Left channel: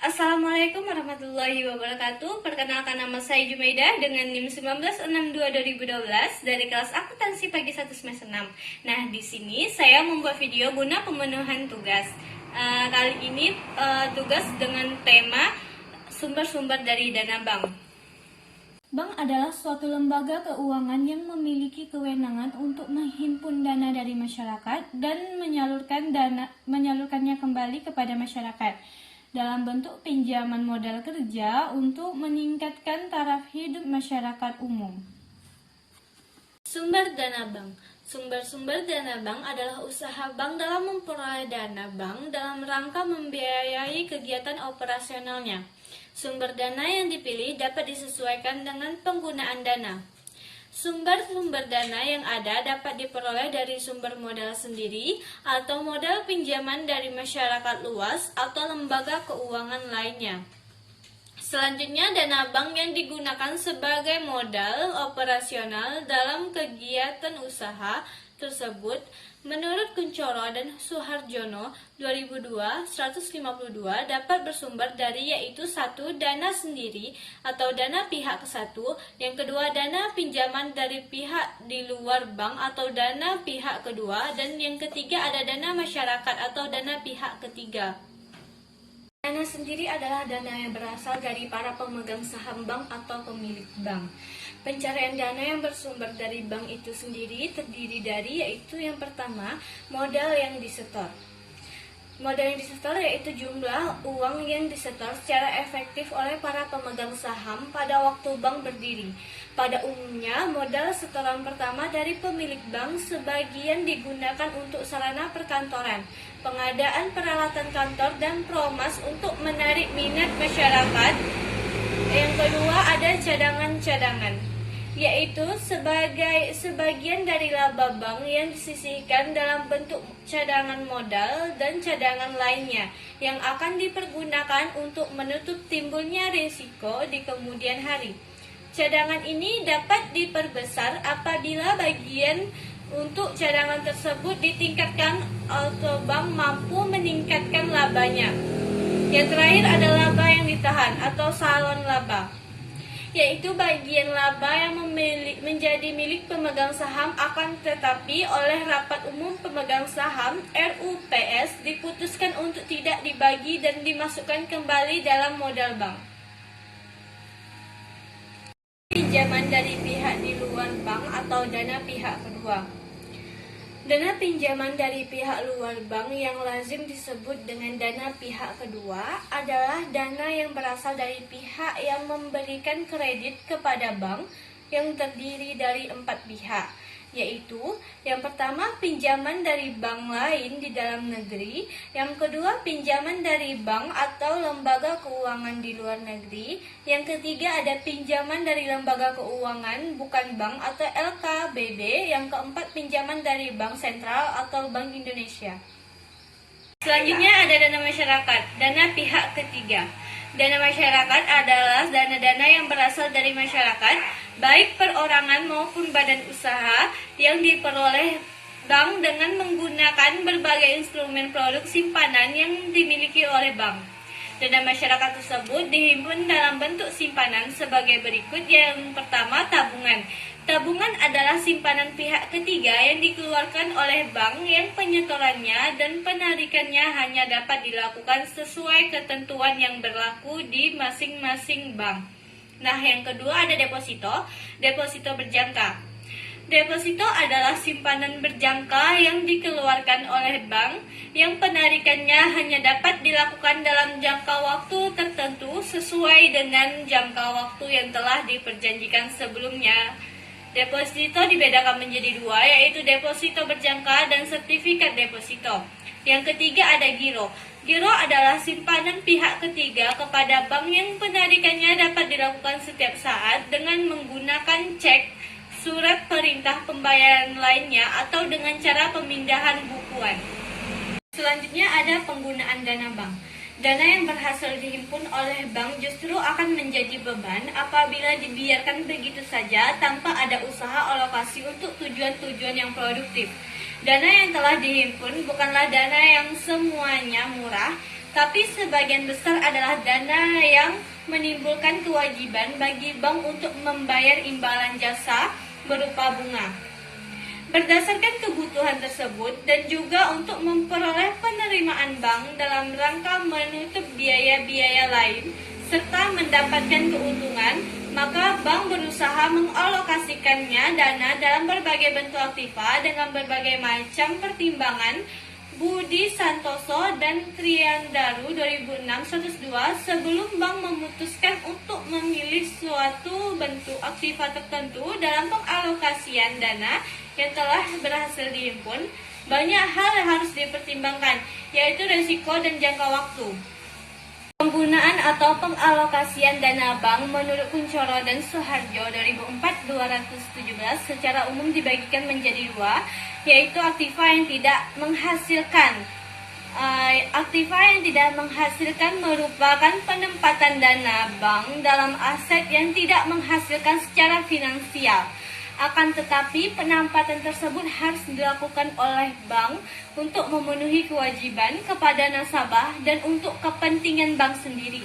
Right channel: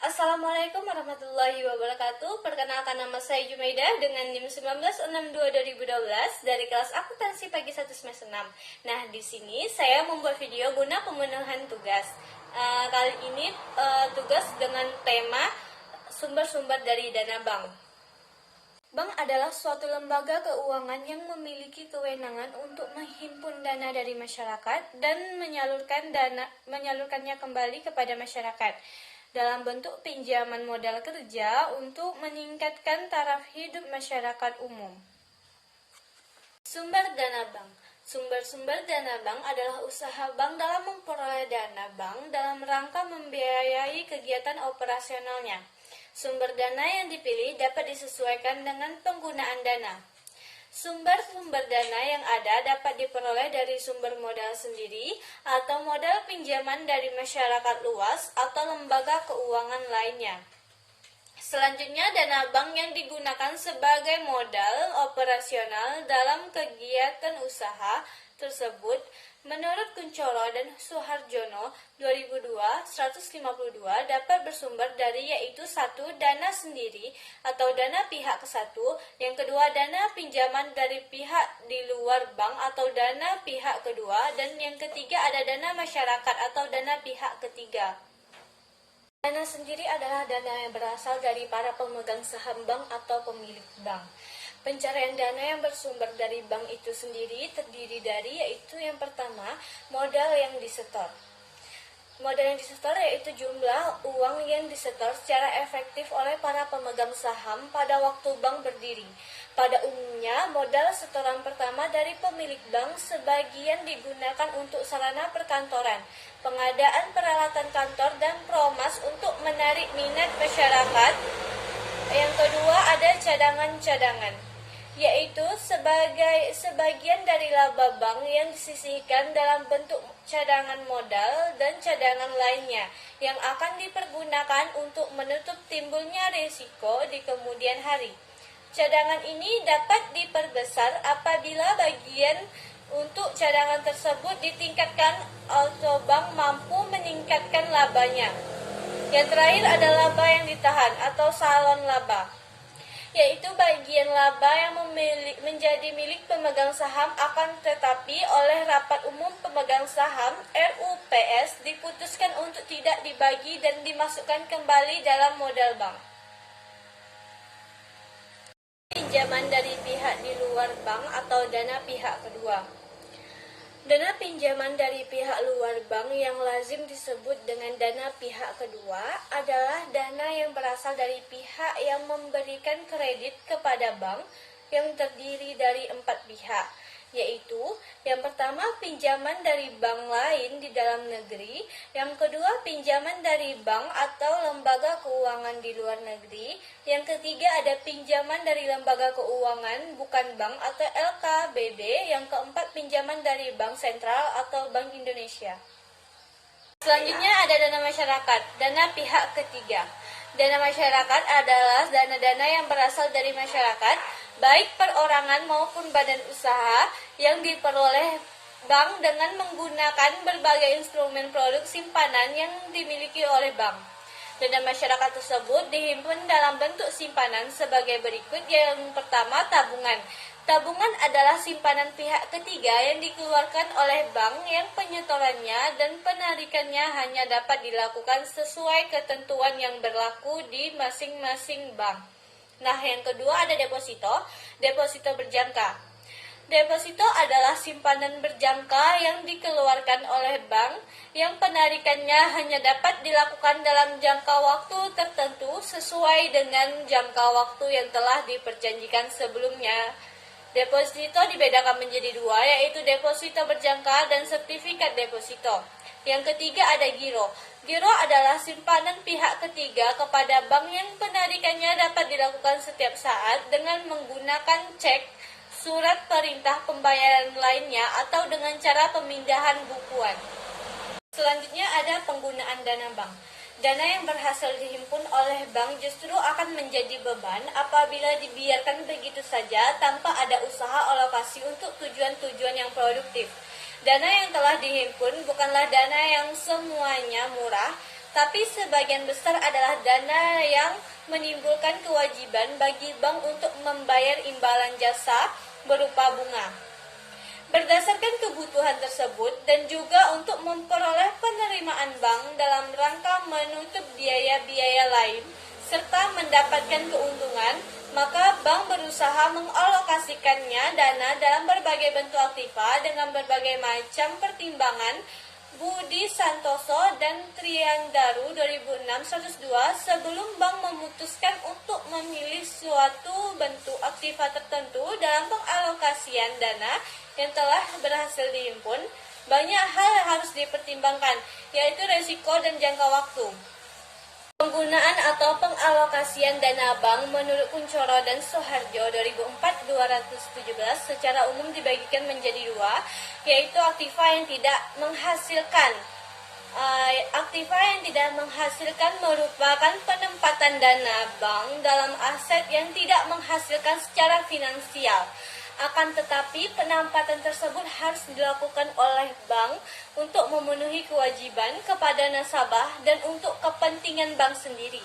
Assalamualaikum warahmatullahi wabarakatuh. Perkenalkan, nama saya Jumaidah dengan NIM 1962-2012 dari kelas akuntansi pagi 1 semester 6. Nah, di sini saya membuat video guna pemenuhan tugas. Kali ini tugas dengan tema sumber-sumber dari dana bank. Bank adalah suatu lembaga keuangan yang memiliki kewenangan untuk menghimpun dana dari masyarakat dan menyalurkannya kembali kepada masyarakat dalam bentuk pinjaman modal kerja untuk meningkatkan taraf hidup masyarakat umum. Sumber dana bank. Sumber-sumber dana bank adalah usaha bank dalam memperoleh dana bank dalam rangka membiayai kegiatan operasionalnya. Sumber dana yang dipilih dapat disesuaikan dengan penggunaan dana. Sumber-sumber dana yang ada dapat diperoleh dari sumber modal sendiri atau modal pinjaman dari masyarakat luas atau lembaga keuangan lainnya. Selanjutnya, dana bank yang digunakan sebagai modal operasional dalam kegiatan usaha tersebut menurut Kuncoro dan Suharjono 2002-152 dapat bersumber dari yaitu 1. Dana sendiri atau dana pihak ke satu, yang kedua dana pinjaman dari pihak di luar bank atau dana pihak kedua, dan yang ketiga ada dana masyarakat atau dana pihak ketiga. Dana sendiri adalah dana yang berasal dari para pemegang saham bank atau pemilik bank. Pencarian dana yang bersumber dari bank itu sendiri terdiri dari yaitu yang pertama, modal yang disetor. Modal yang disetor yaitu jumlah uang yang disetor secara efektif oleh para pemegang saham pada waktu bank berdiri. Pada umumnya, modal setoran pertama dari pemilik bank sebagian digunakan untuk sarana perkantoran, pengadaan peralatan kantor, dan promas untuk menarik minat masyarakat. Yang kedua ada cadangan-cadangan, yaitu sebagian dari laba bank yang disisihkan dalam bentuk cadangan modal dan cadangan lainnya yang akan dipergunakan untuk menutup timbulnya risiko di kemudian hari. Cadangan ini dapat diperbesar apabila bagian untuk cadangan tersebut ditingkatkan atau bank mampu meningkatkan labanya. Yang terakhir ada laba yang ditahan atau salon laba, yaitu bagian laba yang menjadi milik pemegang saham akan tetapi oleh Rapat Umum Pemegang Saham RUPS diputuskan untuk tidak dibagi dan dimasukkan kembali dalam modal bank. Pinjaman dari pihak di luar bank atau dana pihak kedua. Dana pinjaman dari pihak luar bank yang lazim disebut dengan dana pihak kedua adalah dana yang berasal dari pihak yang memberikan kredit kepada bank yang terdiri dari 4 pihak, yaitu yang pertama pinjaman dari bank lain di dalam negeri, yang kedua pinjaman dari bank atau lembaga keuangan di luar negeri, yang ketiga ada pinjaman dari lembaga keuangan bukan bank atau LKBB, yang keempat pinjaman dari Bank Sentral atau Bank Indonesia. Selanjutnya ada dana masyarakat, dana pihak ketiga. Dana masyarakat adalah dana-dana yang berasal dari masyarakat, baik perorangan maupun badan usaha, yang diperoleh bank dengan menggunakan berbagai instrumen produk simpanan yang dimiliki oleh bank. Dana masyarakat tersebut dihimpun dalam bentuk simpanan sebagai berikut. Yang pertama, tabungan. Tabungan adalah simpanan pihak ketiga yang dikeluarkan oleh bank yang penyetorannya dan penarikannya hanya dapat dilakukan sesuai ketentuan yang berlaku di masing-masing bank. Nah, yang kedua ada deposito. Deposito berjangka. Deposito adalah simpanan berjangka yang dikeluarkan oleh bank yang penarikannya hanya dapat dilakukan dalam jangka waktu tertentu sesuai dengan jangka waktu yang telah diperjanjikan sebelumnya. Deposito dibedakan menjadi dua, yaitu deposito berjangka dan sertifikat deposito. Yang ketiga ada giro. Giro adalah simpanan pihak ketiga kepada bank yang penarikannya dapat dilakukan setiap saat dengan menggunakan cek, surat perintah pembayaran lainnya, atau dengan cara pemindahan bukuan. Selanjutnya ada penggunaan dana bank. Dana yang berhasil dihimpun oleh bank justru akan menjadi beban apabila dibiarkan begitu saja tanpa ada usaha alokasi untuk tujuan-tujuan yang produktif. Dana yang telah dihimpun bukanlah dana yang semuanya murah, tapi sebagian besar adalah dana yang menimbulkan kewajiban bagi bank untuk membayar imbalan jasa berupa bunga. Berdasarkan kebutuhan tersebut dan juga untuk memperoleh penerimaan bank dalam rangka menutup biaya-biaya lain serta mendapatkan keuntungan, maka bank berusaha mengalokasikannya dana dalam berbagai bentuk aktiva dengan berbagai macam pertimbangan. Budi Santoso dan Triandaru 2006-102 sebelum bank memutuskan untuk memilih suatu bentuk aktiva tertentu dalam pengalokasian dana yang telah berhasil dihimpun, banyak hal yang harus dipertimbangkan, yaitu risiko dan jangka waktu. Penggunaan atau pengalokasian dana bank menurut Kuncoro dan Soeharjo 2004-217 secara umum dibagikan menjadi dua, yaitu aktiva yang tidak menghasilkan. Aktiva yang tidak menghasilkan merupakan penempatan dana bank dalam aset yang tidak menghasilkan secara finansial. Akan tetapi penempatan tersebut harus dilakukan oleh bank untuk memenuhi kewajiban kepada nasabah dan untuk kepentingan bank sendiri.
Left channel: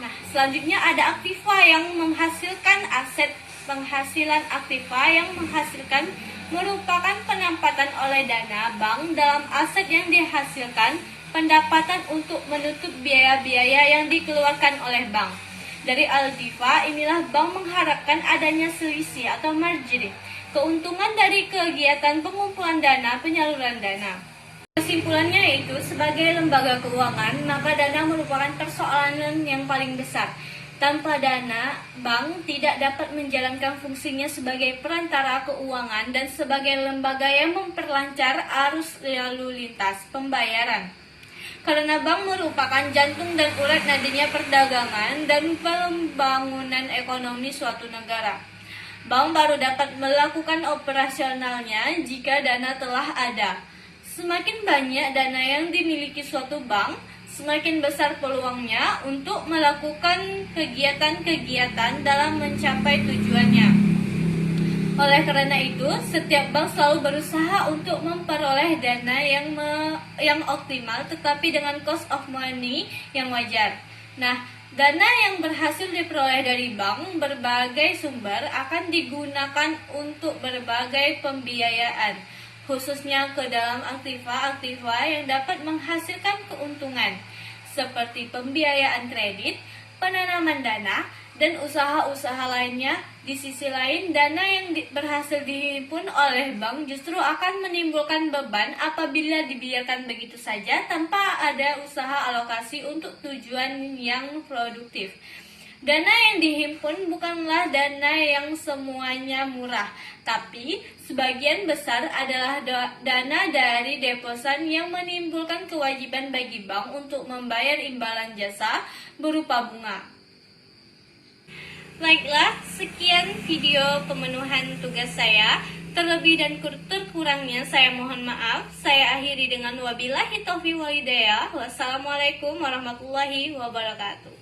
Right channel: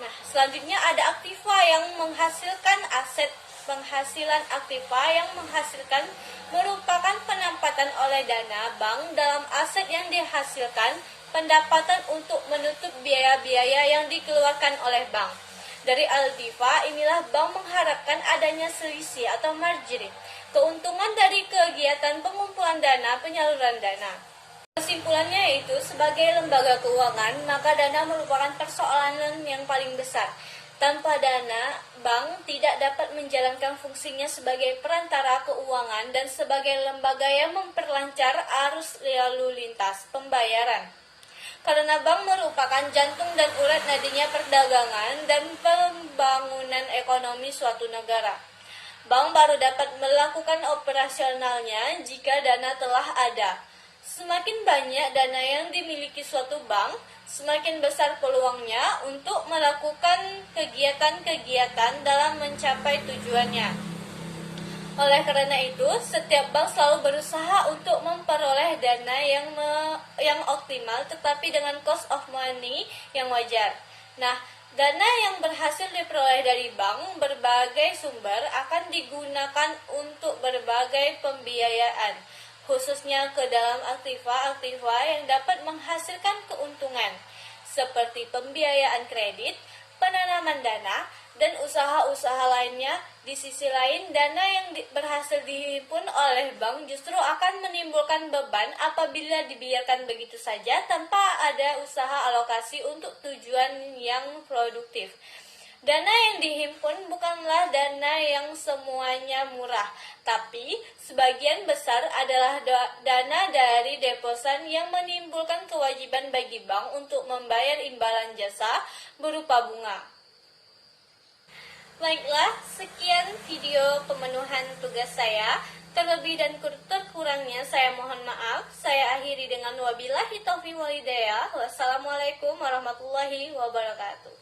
Nah, selanjutnya ada aktiva yang menghasilkan aset. Penghasilan aktiva yang menghasilkan merupakan penempatan oleh dana bank dalam aset yang dihasilkan pendapatan untuk menutup biaya-biaya yang dikeluarkan oleh bank. Dari aktiva inilah bank mengharapkan adanya selisih atau margin, keuntungan dari kegiatan pengumpulan dana, penyaluran dana. Kesimpulannya yaitu sebagai lembaga keuangan, maka dana merupakan persoalan yang paling besar. Tanpa dana, bank tidak dapat menjalankan fungsinya sebagai perantara keuangan dan sebagai lembaga yang memperlancar arus lalu lintas pembayaran. Karena bank merupakan jantung dan urat nadinya perdagangan dan pembangunan ekonomi suatu negara. Bank baru dapat melakukan operasionalnya jika dana telah ada. Semakin banyak dana yang dimiliki suatu bank, semakin besar peluangnya untuk melakukan kegiatan-kegiatan dalam mencapai tujuannya. Oleh karena itu, setiap bank selalu berusaha untuk memperoleh dana yang optimal tetapi dengan cost of money yang wajar. Nah, dana yang berhasil diperoleh dari bank berbagai sumber akan digunakan untuk berbagai pembiayaan, khususnya ke dalam aktiva-aktiva yang dapat menghasilkan keuntungan, seperti pembiayaan kredit, penanaman dana, dan usaha-usaha lainnya. Di sisi lain, dana yang berhasil dihimpun oleh bank justru akan menimbulkan beban apabila dibiarkan begitu saja tanpa ada usaha alokasi untuk tujuan yang produktif. Dana yang dihimpun bukanlah dana yang semuanya murah, tapi sebagian besar adalah dana dari deposan yang menimbulkan kewajiban bagi bank untuk membayar imbalan jasa berupa bunga. Baiklah, sekian video pemenuhan tugas saya. Terlebih dan terkurangnya saya mohon maaf. Saya akhiri dengan wabillahi taufiq wal hidayah. Wassalamualaikum warahmatullahi wabarakatuh.